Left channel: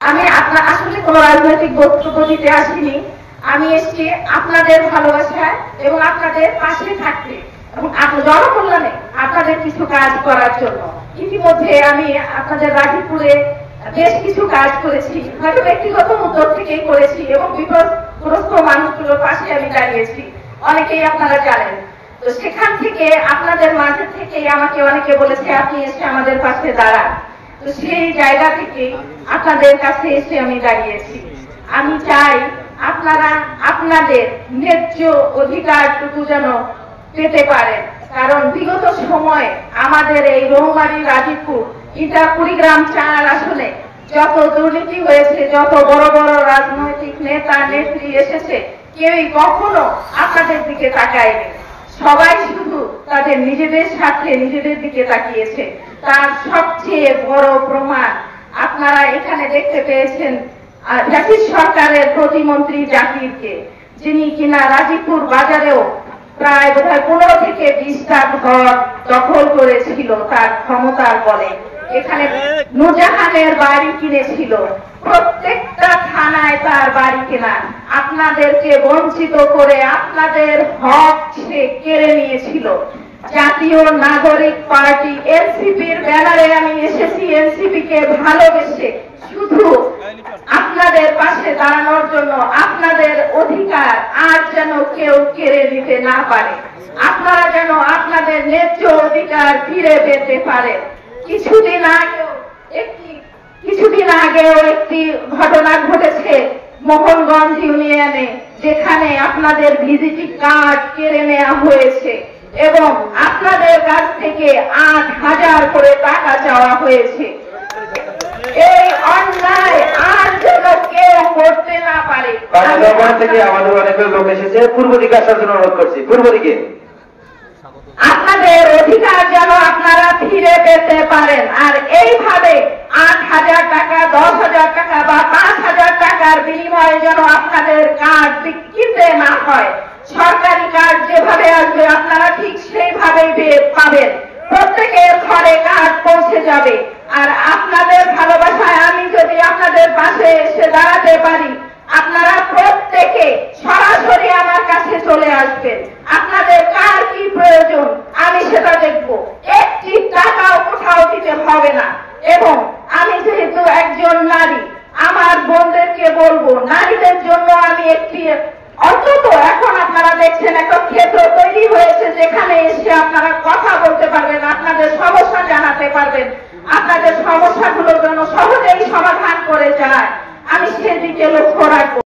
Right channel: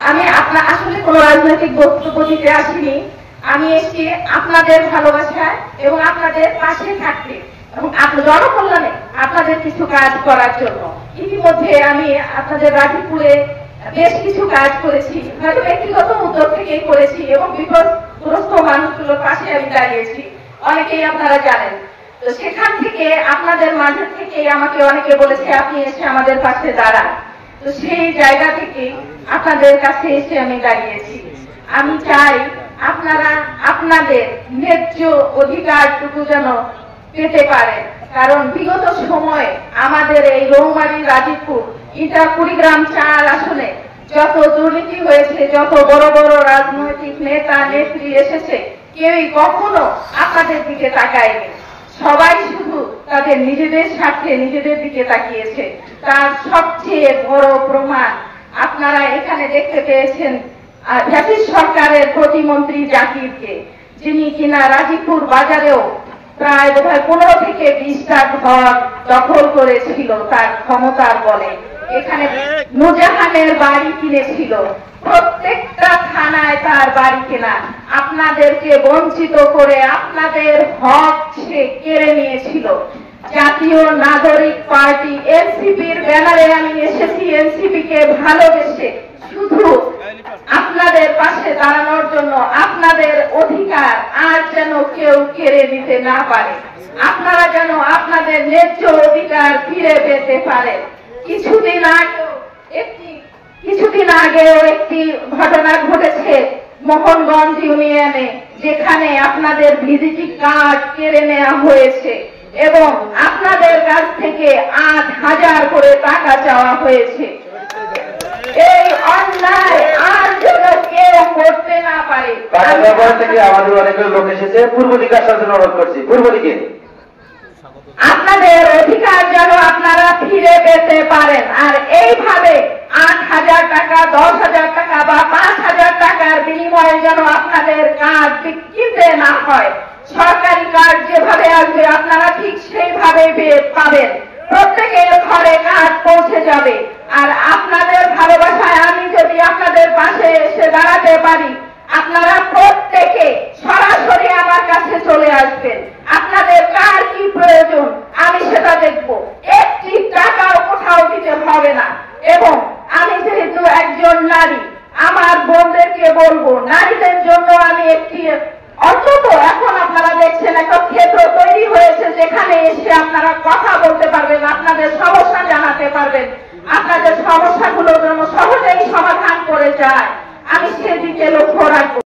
আমি আসলে কোনো রাজনৈতিক বক্তব্য দিতে আসিনি। আমি এসেছি আপনাদের ভালোবাসায় এবং আপনাদের পাশে থাকতে এবং জনকল্যাণে আপনাদের কিছু কাজ করার জন্য। ইতিমধ্যে আমি আপনাদের রাজীবপুরে বেশ কিছু কাজ করেছি, হয়তো ব্যক্তিগত উদ্যোগ থেকেই করেছি এবং বিপদগ্রস্ত মানুষগুলোর পাশে আমি দাঁড়িয়েছি, অনেকেই আপনারা জানেন। তো সেখান থেকে আপনাদের মাঝে থেকে আমাকে অনেকে বলেছে আপনি এসে আমাদের পাশে দাঁড়ান। তো সেই জায়গা থেকে আপনাদের কাছে এসে আমি দাঁড়িয়েছি। আমি চাই আপনারা আপনাদের ন্যায্য অধিকারটুকু যেন পেতে পারেন, কারণ বিগত সময়ে আমাদের এই রৌমারী রাজীবপুর ইটা কুড়িগ্রাম 4 আসনে যত দুর্নীতি হয়েছে, যত বড় বড় রাজনৈতিক নেতা নেত্রী এসেছে, কেউই কখনো আপনাদের দিকে তাকায়নি। সবাই শুধু তাদের নিজেদের স্বার্থে নিজেদের দিকে তাকিয়েছে। তার সবচেয়ে বড় প্রমাণ আপনারা এখানে দেখতে পেয়েছেন জাতীয় সরকারের প্রতিমন্ত্রী জাকিরকে, যিনি কিনা রাজীবপুর বাজারেও প্রায় বোধহয় 15 থেকে 20টা ঘর দখল করেছিল তার ক্ষমতার বলে। এখানে নুরজাহানের বাড়ি কিনেছিল, প্রত্যেকটা থানায় তার বাড়ি কেনা। আপনাদেরকে বঞ্চিত করে আপনাদের হক সে কেড়ে নিয়েছিল। জাতীয় নাগরিক পার্টি এনসিপির ব্যানারে আমি এসেছি, এনসিপি কে ভালোবেসে, শুধু আপনাদের পাশে দাঁড়ানোর জন্য। আপনাদের অধিকার আর যেন কেউ কেড়ে নিতে না পারে, আপনারা যেন আপনাদের ন্যায্য অধিকার ফিরে পেতে পারেন। কিছুদিন আগেও একটি ঘটনা ঘটেছে মোহনগঞ্জ ইউনিয়নে, যেখানে আপনাদের ভিজিটিং কার্ড কেড়ে নেওয়া হয়েছে এবং আপনাদের কাছ থেকে 8,000 করে টাকা চাওয়া হয়েছে। এই অন্যায় আর যেন কেউ করতে না পারে। থেকে আমাদের অনেক লোক এসেছে, পূর্ব দিকে আসার জন্য অনুরোধ করছি। পূর্ব দিকে আপনাদের অধিকার যেন আপনারা ফিরে পেতে পারেন। আর এইভাবে 8,000 টাকা, 10,000 টাকা বা 5,000 টাকার বিনিময়ে যেন আপনাদের কার্ড কিনতে না হয়। সরকারি কার্ড যেভাবে আসবে আপনারা ঠিক সেইভাবে পাবেন, প্রত্যেকের ঘরে কার্ড পৌঁছে যাবে। আর আপনাদের ভালোবাসায় আমি যদি আপনাদের পাশে এসে দাঁড়াতে পারি, আপনারা প্রত্যেকে সরাসরি আমার কাছে চলে আসবেন। আপনাদের কার কি প্রয়োজন আমি সেটা দেখব, একটি টাকাও কোথাও দিতে হবে না। এবং আমি যেহেতু একজন নারী, আমার বোনদেরকে বলবো, নারীদের জন্য আমি একটি অন্তত এখন আপনারা দেখছেন একটা ক্ষেত্র তৈরি হয়েছে, যেখানে এসে আপনারা কথা বলতে পারবেন, আপনাদের সমস্যা জানাতে পারবেন, আপনাদের সমস্যাগুলো যেন সহজেই সমাধান করে যায়। আমি সেদিকে লক্ষ্য রাখবো।